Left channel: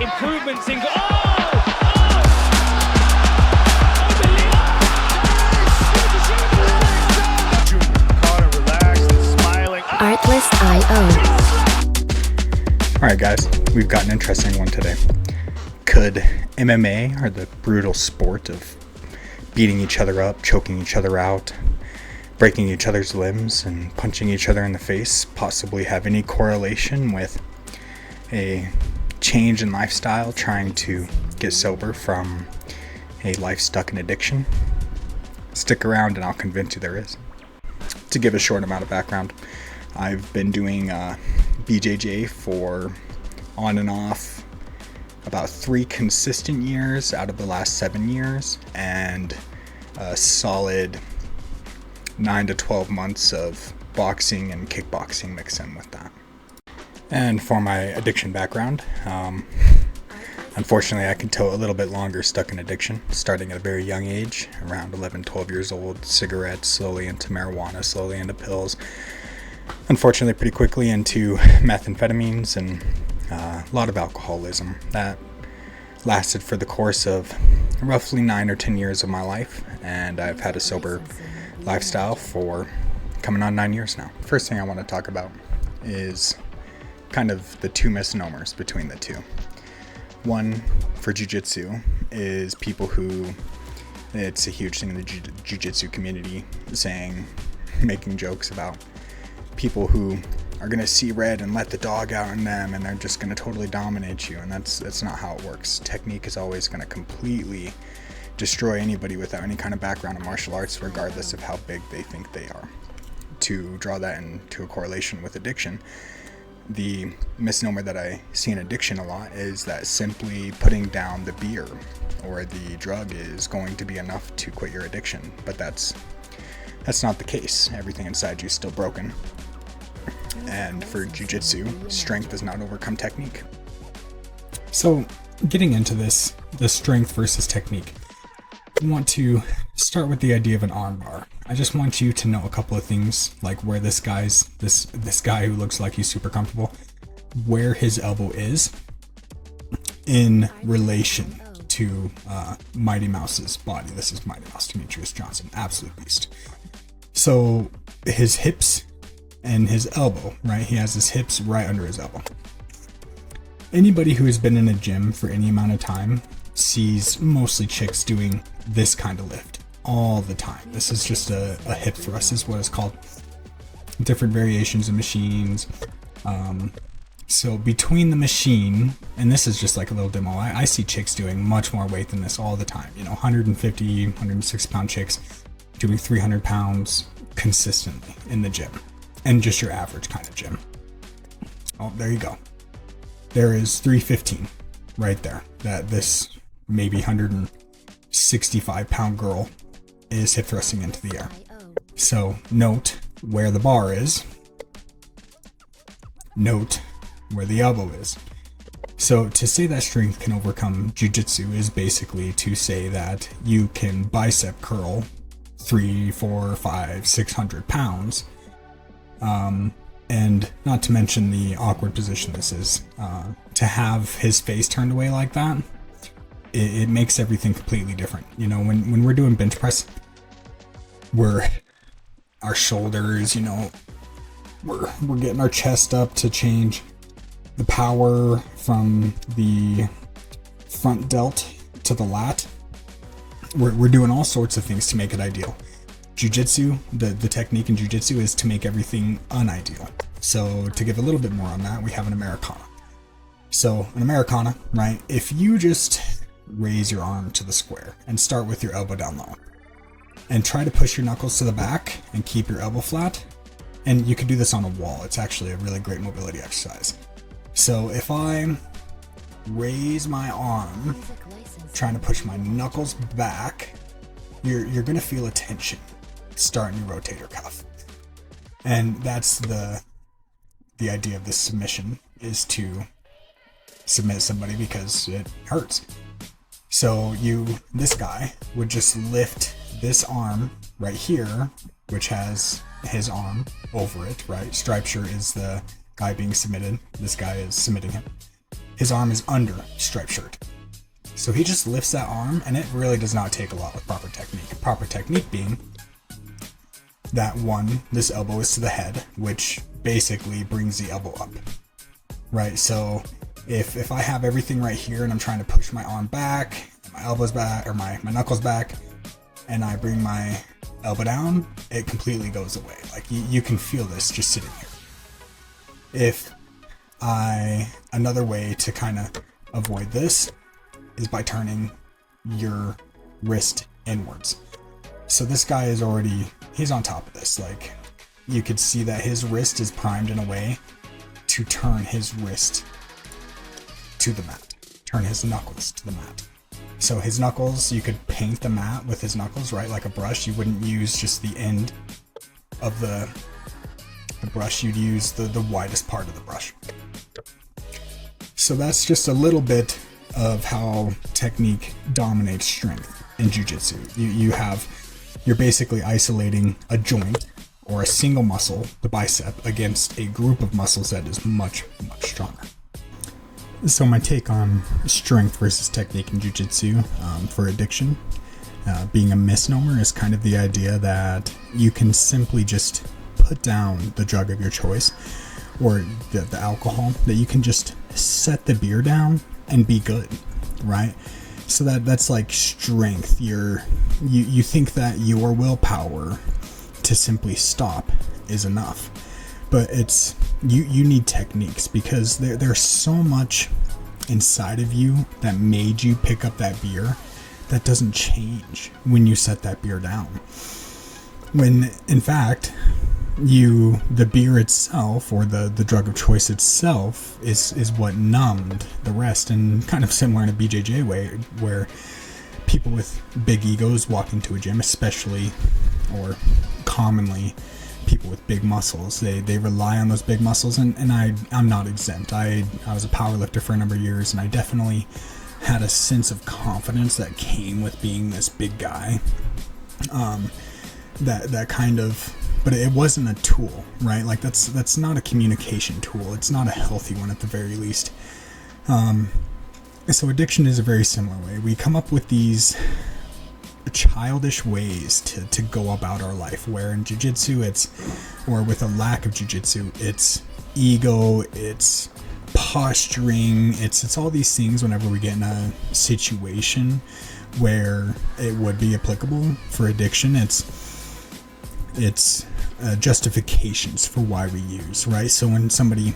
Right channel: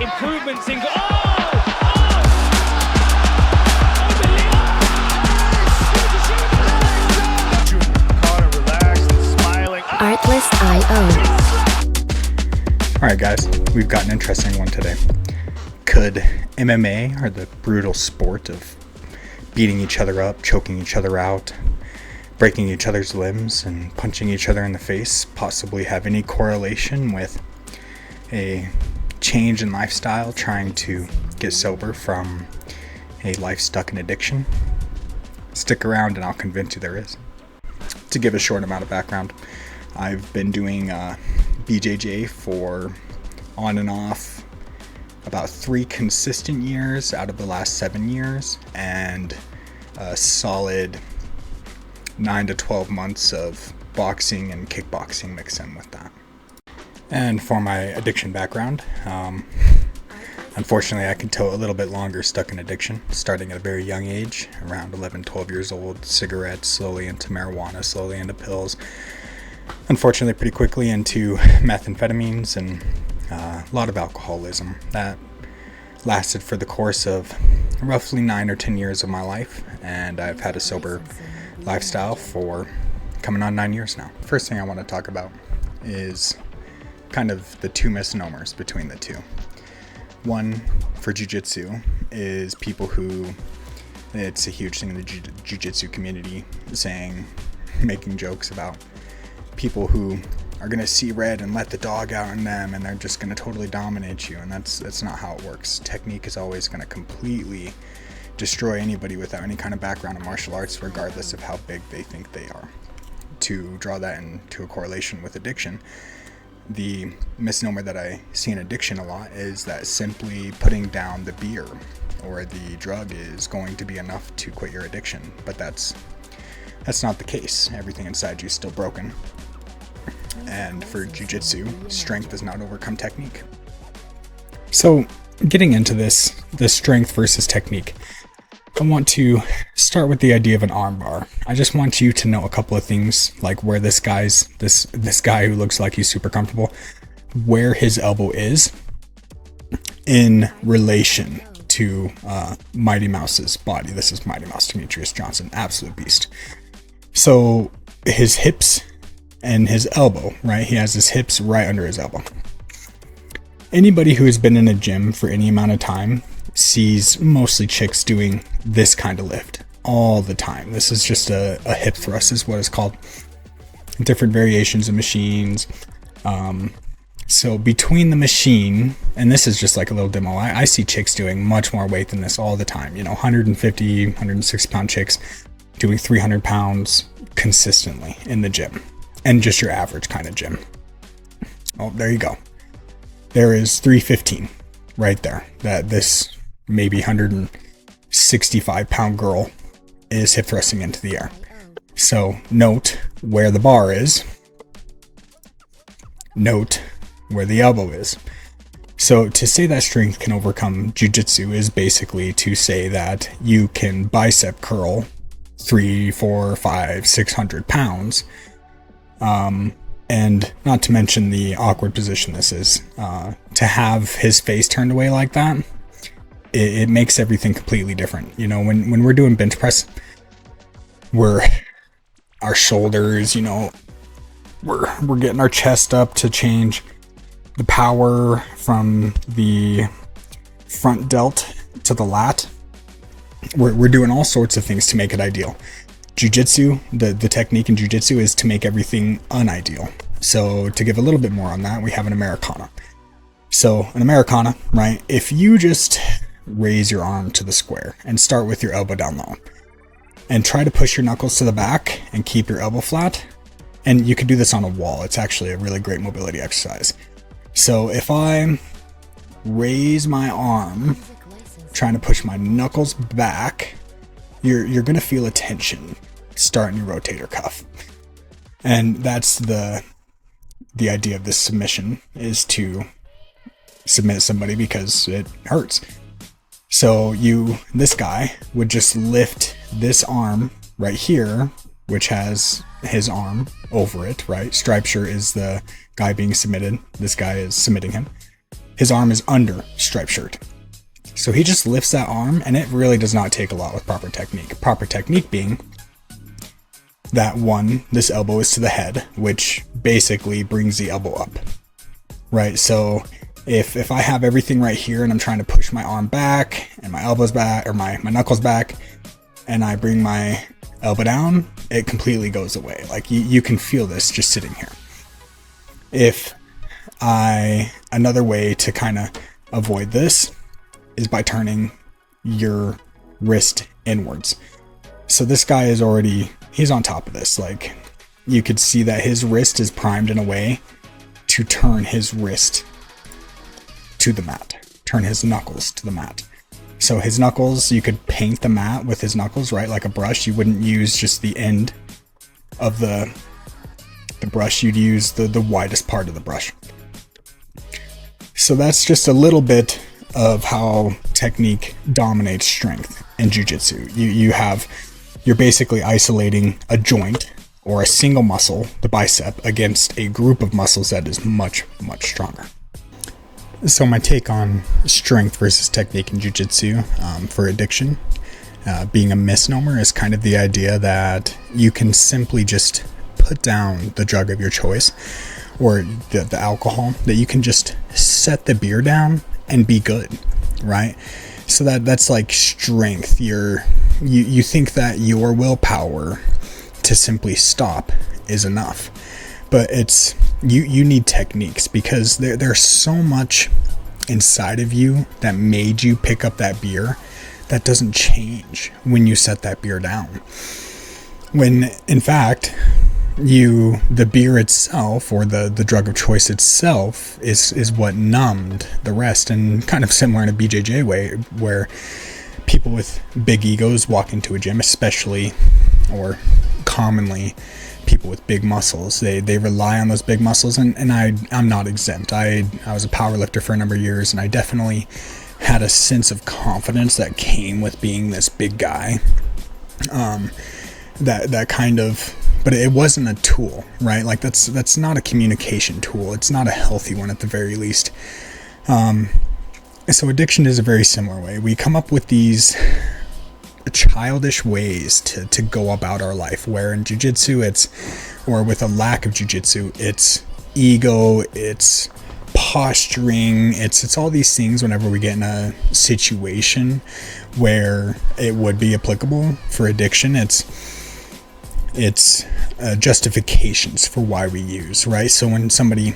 improvements in. Artlist.io. Alright guys, we've got an interesting one today. Could MMA, or the brutal sport of beating each other up, choking each other out, breaking each other's limbs, and punching each other in the face, possibly have any correlation with a change in lifestyle, trying to get sober from a life stuck in addiction? Stick around and I'll convince you there is. To give a short amount of background, I've been doing BJJ for on and off about 3 consistent years out of the last 7 years, and a solid 9 to 12 months of boxing and kickboxing mixed in with that. And for my addiction background, unfortunately I can tote a little bit longer stuck in addiction, starting at a very young age, around 11, 12 years old, cigarettes, slowly into marijuana, slowly into pills, unfortunately pretty quickly into methamphetamines, and a lot of alcoholism. That lasted for the course of roughly 9 or 10 years of my life, and I've had a sober lifestyle for coming on 9 years now. First thing I want to talk about is kind of the 2 misnomers between the two. One, for jiu-jitsu, is people who, it's a huge thing in the jiu-jitsu community, making jokes about people who are going to see red and let the dog out on them, and they're just going to totally dominate you, and that's not how it works. Technique is always going to completely destroy anybody without any kind of background in martial arts, regardless of how big they think they are. To draw that into a correlation with addiction, the misnomer that I see in addiction a lot is that simply putting down the beer or the drug is going to be enough to quit your addiction, but that's not the case. Everything inside you is still broken. And for jiu-jitsu, strength does not overcome technique. So getting into this, the strength versus technique, I want to start with the idea of an arm bar. I just want you to know a couple of things, like where this guy who looks like he's super comfortable, where his elbow is in relation to Mighty Mouse's body. This is Mighty Mouse Demetrius Johnson, absolute beast. So his hips and his elbow, right? He has his hips right under his elbow. Anybody who has been in a gym for any amount of time sees mostly chicks doing this kind of lift all the time. This is just a hip thrust is what it's called. Different variations of machines. So between the machine, and this is just like a little demo, I see chicks doing much more weight than this all the time. 150, 160 pound chicks doing 300 pounds consistently in the gym. And just your average kind of gym. Oh, there you go. There is 315 right there. That this maybe 165 pound girl is hip thrusting into the air. So note where the bar is. Note where the elbow is. So to say that strength can overcome jiu-jitsu is basically to say that you can bicep curl 3, 4, 5, 600 pounds. And not to mention the awkward position this is. To have his face turned away like that, it makes everything completely different. When we're doing bench press, our shoulders, we're getting our chest up to change the power from the front delt to the lat. We're doing all sorts of things to make it ideal. Jiu-jitsu, the technique in jiu-jitsu is to make everything unideal. So to give a little bit more on that, we have an Americana. So an Americana, right? If you just raise your arm to the square and start with your elbow down low and try to push your knuckles to the back and keep your elbow flat, and you can do this on a wall. It's actually a really great mobility exercise. So if I raise my arm, trying to push my knuckles back, you're going to feel a tension start in your rotator cuff. And that's the idea of this submission, is to submit somebody because it hurts. So this guy would just lift this arm right here, which has his arm over it, right? Stripe shirt is the guy being submitted. This guy is submitting him. his arm is under striped shirt. So he just lifts that arm, and it really does not take a lot with proper technique. Proper technique being that one, this elbow is to the head, which basically brings the elbow up, right? So if I have everything right here and I'm trying to push my arm back and my elbows back, or my knuckles back, and I bring my elbow down, it completely goes away. Like you can feel this just sitting here. Another way to kind of avoid this is by turning your wrist inwards. So this guy is he's on top of this. Like, you could see that his wrist is primed in a way to turn his wrist to the mat, turn his knuckles to the mat. So his knuckles, you could paint the mat with his knuckles, right? Like a brush. You wouldn't use just the end of the brush. You'd use the widest part of the brush. So that's just a little bit of how technique dominates strength in jiu-jitsu. You're basically isolating a joint or a single muscle, the bicep, against a group of muscles that is much, much stronger. So my take on strength versus technique in jiu-jitsu for addiction being a misnomer is kind of the idea that you can simply just put down the drug of your choice, or the alcohol, that you can just set the beer down and be good, right? So that's like strength. You think that your willpower to simply stop is enough, but it's you need techniques, because there's so much inside of you that made you pick up that beer that doesn't change when you set that beer down. When in fact the beer itself, or the drug of choice itself, is what numbed the rest. And kind of similar in a BJJ way, where people with big egos walk into a gym, especially, or commonly, people with big muscles, they rely on those big muscles, and I'm not exempt. I was a power lifter for a number of years, and I definitely had a sense of confidence that came with being this big guy. That kind of, but it wasn't a tool, right? Like that's not a communication tool. It's not a healthy one at the very least. So addiction is a very similar way. We come up with these childish ways to go about our life, where in jiu-jitsu or with a lack of jiu-jitsu, it's ego, it's posturing, it's all these things. Whenever we get in a situation where it would be applicable for addiction, it's justifications for why we use, right? So when somebody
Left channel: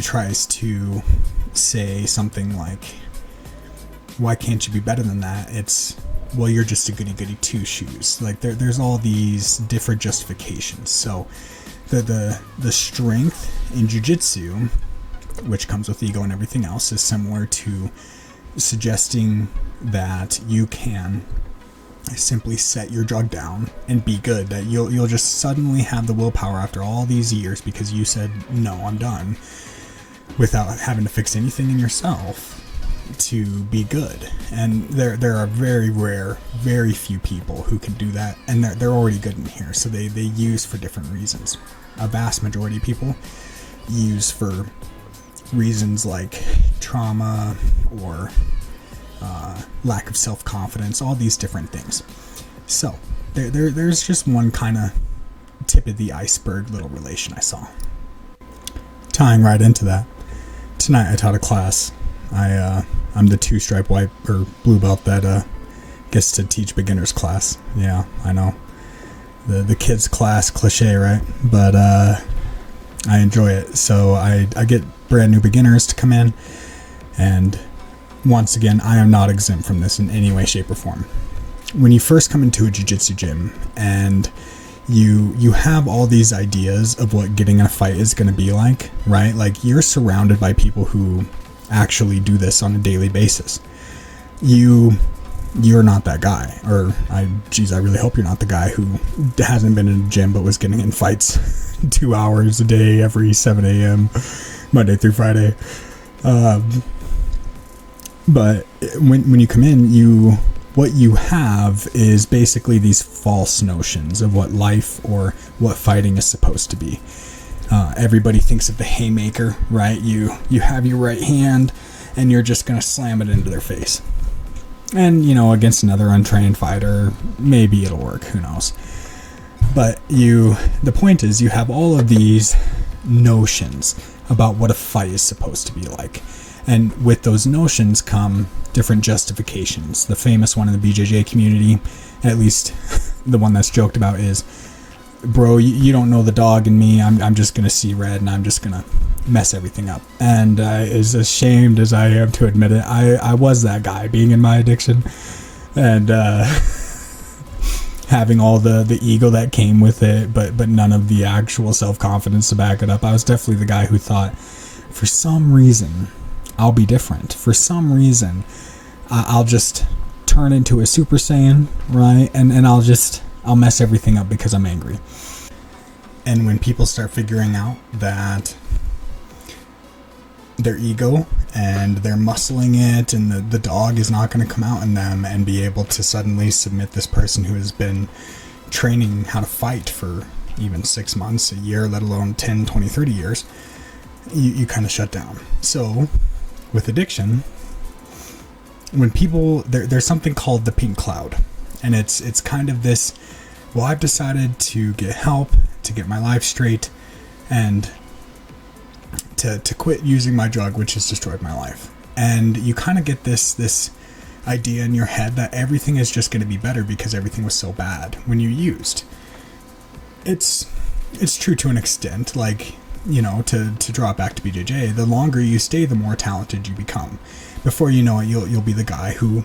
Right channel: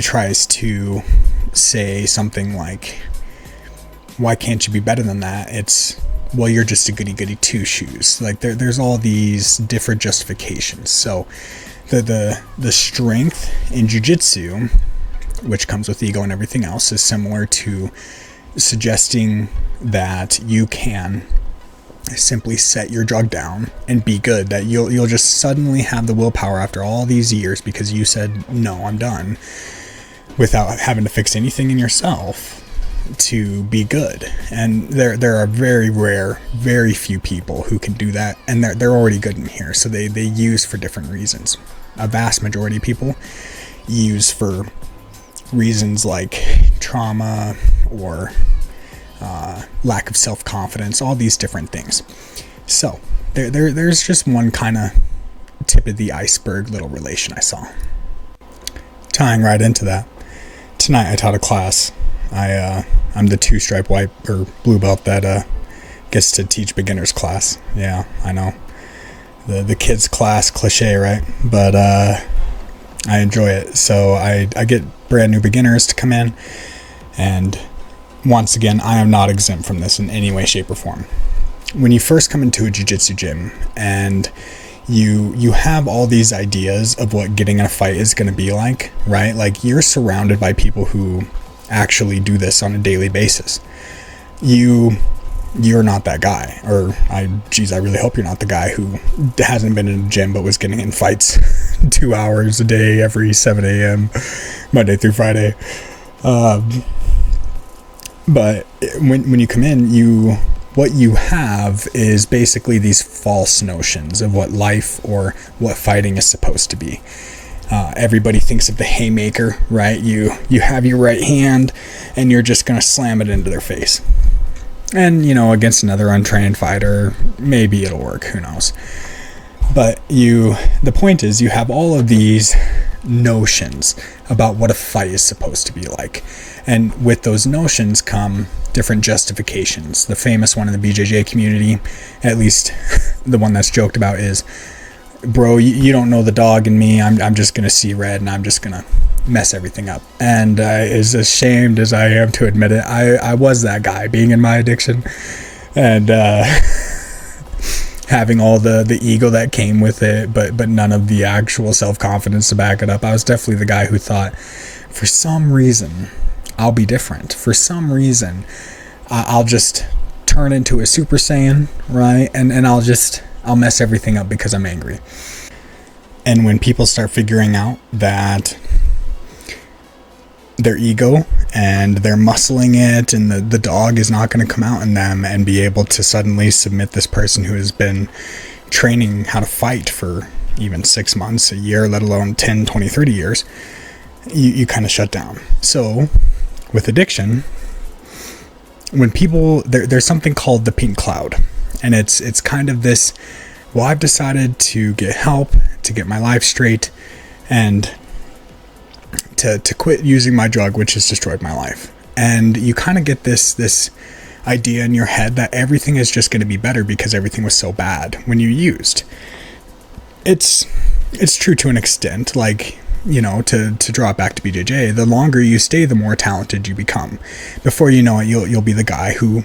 tries to say something like, why can't you be better than that? It's, well, you're just a goody two shoes. Like there's all these different justifications. So the strength in jiu-jitsu, which comes with ego and everything else, is similar to suggesting that you can simply set your drug down and be good, that you'll just suddenly have the willpower after all these years because you said, no, I'm done, without having to fix anything in yourself, to be good. And there are very rare, very few people who can do that, and they're already good in here. So they use for different reasons. A vast majority of people use for reasons like trauma or lack of self-confidence, all these different things. So there's just one kind of tip of the iceberg little relation I saw. Tying right into that, tonight I taught a class. I'm the 2-stripe white or blue belt that gets to teach beginners class. Yeah, I know. The kids class cliche, right? But I enjoy it. So I get brand new beginners to come in, and once again, I am not exempt from this in any way, shape, or form. When you first come into a jiu-jitsu gym and you have all these ideas of what getting in a fight is going to be like, right? Like, you're surrounded by people who actually do this on a daily basis. You're not that guy, or I really hope you're not the guy who hasn't been in the gym but was getting in fights 2 hours a day every 7 a.m. Monday through Friday. But when you come in, what you have is basically these false notions of what life or what fighting is supposed to be. Everybody thinks of the haymaker, right? You have your right hand and you're just going to slam it into their face. And, against another untrained fighter, maybe it'll work, who knows. But the point is, you have all of these notions about what a fight is supposed to be like. And with those notions come different justifications. The famous one in the BJJ community, at least the one that's joked about, is, bro, you don't know the dog in me. I'm just going to see red and I'm just going to mess everything up. And as ashamed as I am to admit it, I was that guy being in my addiction. And having all the ego that came with it, but none of the actual self-confidence to back it up. I was definitely the guy who thought, for some reason, I'll be different. For some reason, I'll just turn into a Super Saiyan, right? And I'll mess everything up because I'm angry. And when people start figuring out that their ego and they're muscling it and the dog is not going to come out in them and be able to suddenly submit this person who has been training how to fight for even 6 months, a year, let alone 10, 20, 30 years, you kind of shut down. So with addiction, when people, there's something called the pink cloud, and it's kind of this, well, I've decided to get help, to get my life straight, and to quit using my drug, which has destroyed my life. And you kind of get this idea in your head that everything is just going to be better because everything was so bad when you used. It's true to an extent. Like, to draw it back to BJJ, the longer you stay, the more talented you become. Before you know it, you'll be the guy who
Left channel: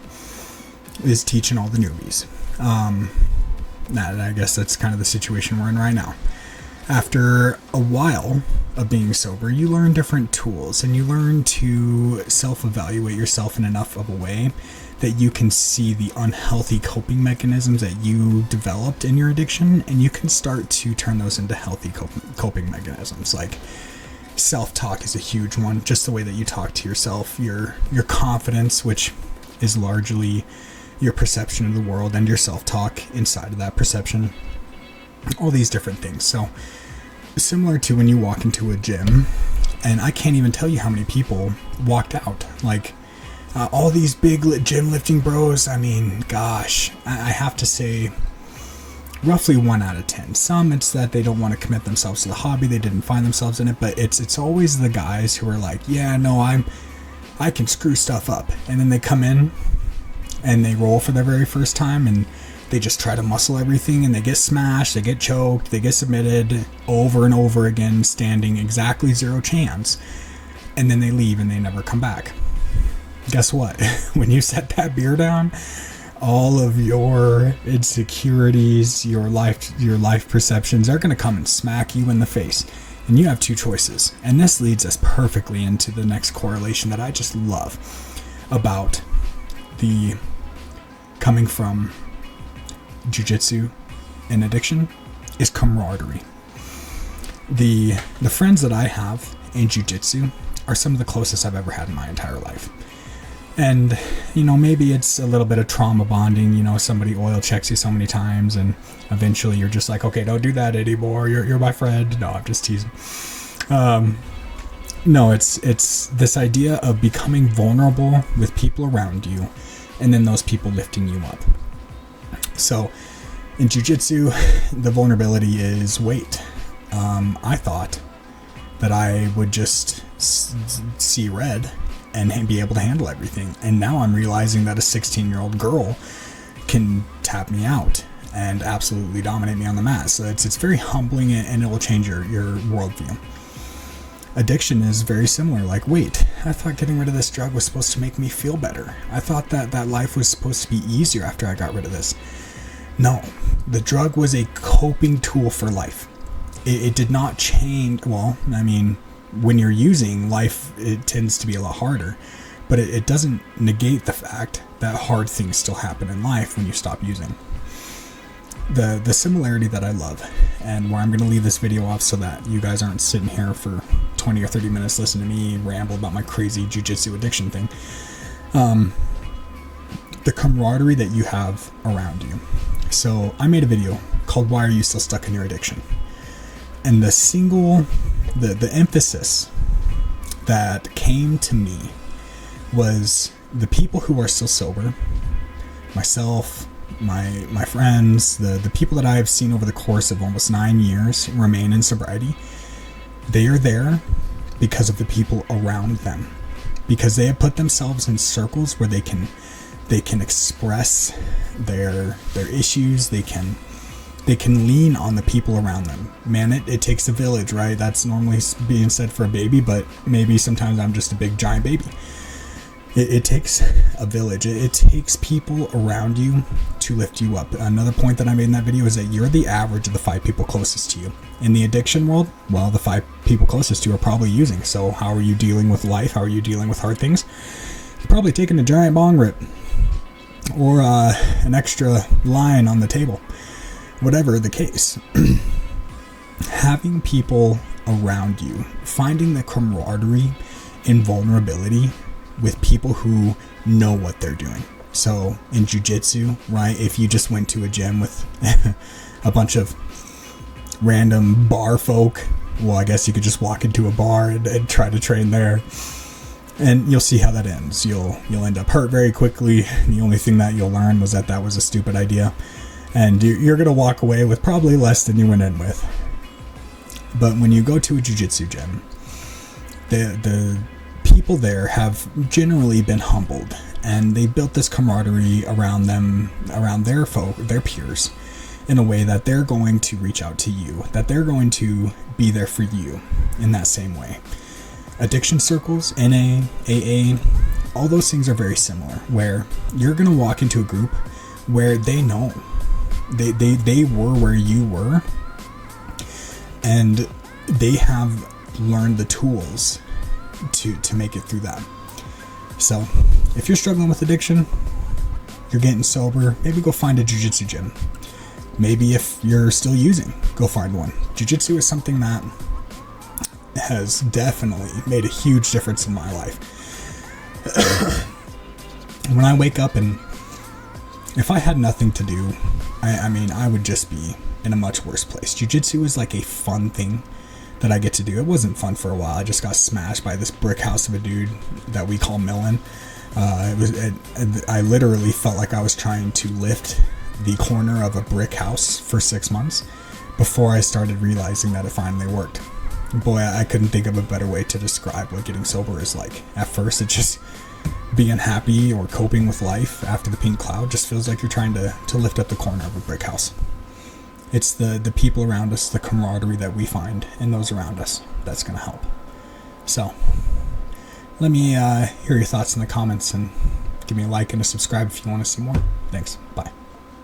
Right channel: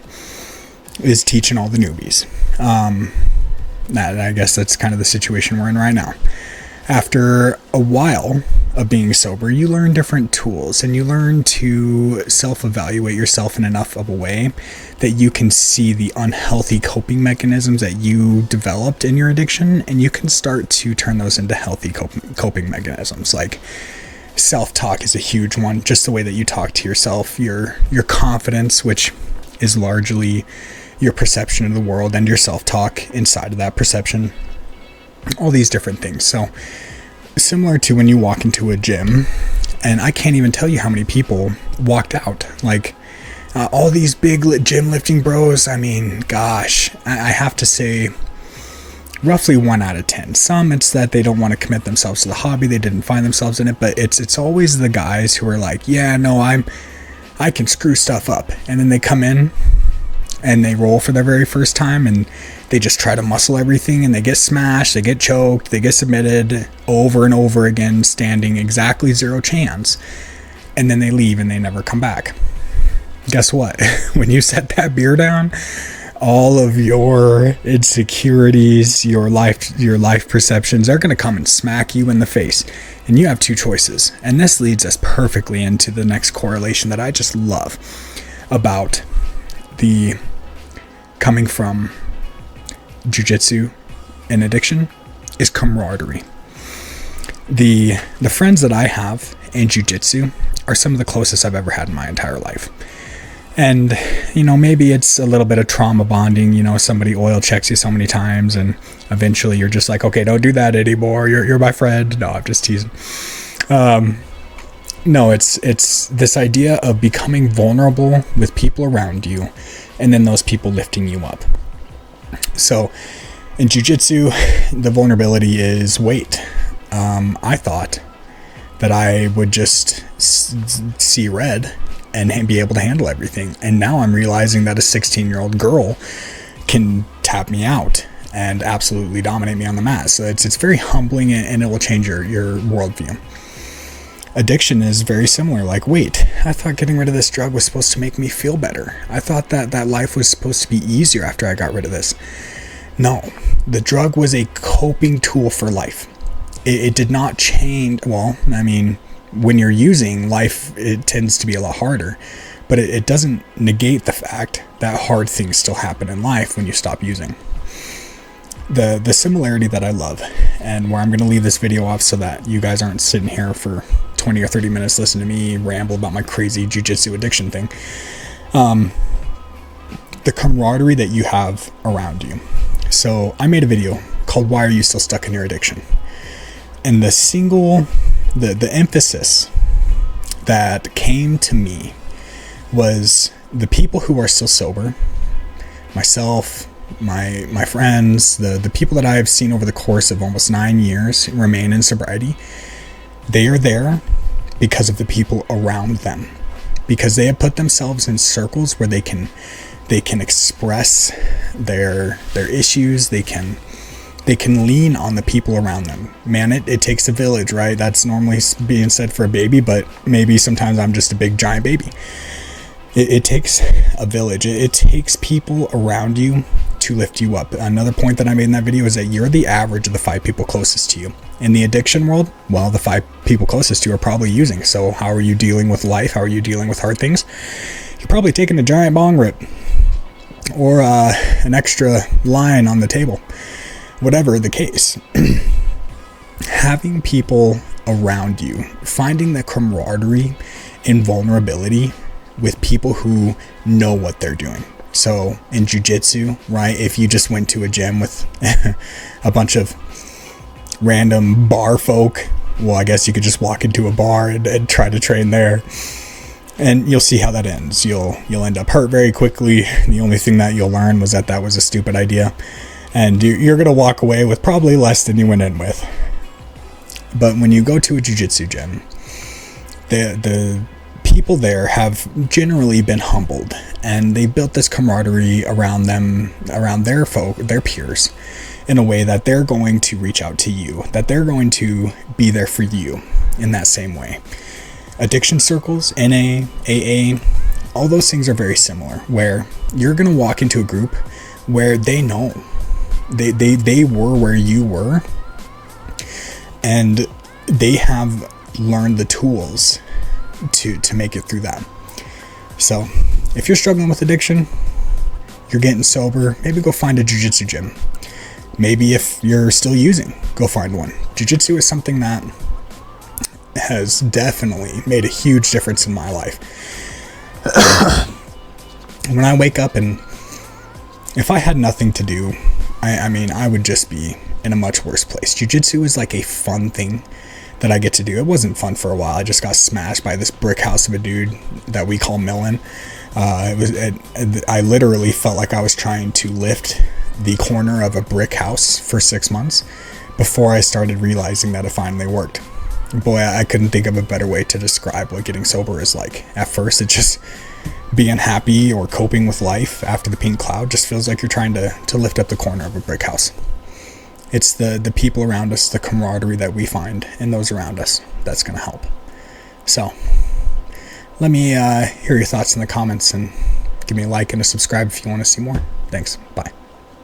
is teaching all the newbies. I guess that's kind of the situation we're in right now. After a while of being sober, you learn different tools and you learn to self-evaluate yourself in enough of a way that you can see the unhealthy coping mechanisms that you developed in your addiction, and you can start to turn those into healthy coping mechanisms. Like self-talk is a huge one, just the way that you talk to yourself, your confidence, which is largely your perception of the world, and your self-talk inside of that perception, all these different things. So similar to when you walk into a gym, and I can't even tell you how many people walked out, like all these big gym lifting bros. I mean, gosh, I have to say roughly 1 out of 10. Some it's that they don't want to commit themselves to the hobby, they didn't find themselves in it, but it's always the guys who are like, yeah, no, I can screw stuff up, and then they come in and they roll for their very first time and they just try to muscle everything, and they get smashed, they get choked, they get submitted over and over again, standing exactly 0 chance, and then they leave and they never come back. Guess what? When you set that beer down, all of your insecurities, your life perceptions, they're going to come and smack you in the face. And you have 2 choices. And this leads us perfectly into the next correlation that I just love about the coming from jiu-jitsu and addiction is camaraderie. The friends that I have in jiu-jitsu are some of the closest I've ever had in my entire life. And, maybe it's a little bit of trauma bonding. Somebody oil checks you so many times and eventually you're just like, okay, don't do that anymore. You're my friend. No, I'm just teasing. No, it's this idea of becoming vulnerable with people around you and then those people lifting you up. So in jiu-jitsu, the vulnerability is weight. I thought that I would just see red and be able to handle everything. And now I'm realizing that a 16-year-old girl can tap me out and absolutely dominate me on the mat. So it's very humbling, and it will change your worldview. Addiction is very similar. Like, wait, I thought getting rid of this drug was supposed to make me feel better. I thought that life was supposed to be easier after I got rid of this. No, the drug was a coping tool for life. It did not change. Well, I mean, when you're using life, it tends to be a lot harder, but it doesn't negate the fact that hard things still happen in life when you stop using. The similarity that I love, and where I'm going to leave this video off so that you guys aren't sitting here for 20 or 30 minutes listening to me ramble about my crazy jiu-jitsu addiction thing, the camaraderie that you have around you. So I made a video called Why Are You Still Stuck in Your Addiction? And the single the emphasis that came to me was the people who are still sober, myself, my friends, the people that I have seen over the course of almost 9 years remain in sobriety. They are there because of the people around them, because they have put themselves in circles where they can express their issues. They can lean on the people around them. Man, it takes a village, right? That's normally being said for a baby, but maybe sometimes I'm just a big giant baby. It takes a village. It takes people around you to lift you up. Another point that I made in that video is that you're the average of the 5 people closest to you. In the addiction world, well, the 5 people closest to you are probably using. So how are you dealing with life? How are you dealing with hard things? You're probably taking a giant bong rip or an extra line on the table. Whatever the case. Having people around you, finding the camaraderie and vulnerability with people who know what they're doing. So in jiu-jitsu, right, if you just went to a gym with a bunch of random bar folk, well, I guess you could just walk into a bar and try to train there, and you'll see how that ends. You'll end up hurt very quickly. The only thing that you'll learn was that was a stupid idea, and you're going to walk away with probably less than you went in with. But when you go to a jiu-jitsu gym, the people there have generally been humbled, and they built this camaraderie around them, around their peers, in a way that they're going to reach out to you, that they're going to be there for you in that same way. Addiction circles, NA, AA, all those things are very similar, where you're going to walk into a group where they know they were where you were, and they have learned the tools to make it through that. So if you're struggling with addiction, you're getting sober, maybe go find a jiu-jitsu gym. Maybe if you're still using, go find one. Jiu-jitsu is something that has definitely made a huge difference in my life. When I wake up, and if I had nothing to do, I would just be in a much worse place. Jiu-jitsu is like a fun thing that I get to do. It wasn't fun for a while. I just got smashed by this brick house of a dude that we call Millen. I literally felt like I was trying to lift the corner of a brick house for 6 months before I started realizing that it finally worked. Boy, I couldn't think of a better way to describe what getting sober is like. At first, it's just being happy or coping with life after the pink cloud just feels like you're trying to lift up the corner of a brick house. It's the people around us, the camaraderie that we find in those around us that's going to help. So, let me hear your thoughts in the comments, and give me a like and a subscribe if you want to see more. Thanks. Bye.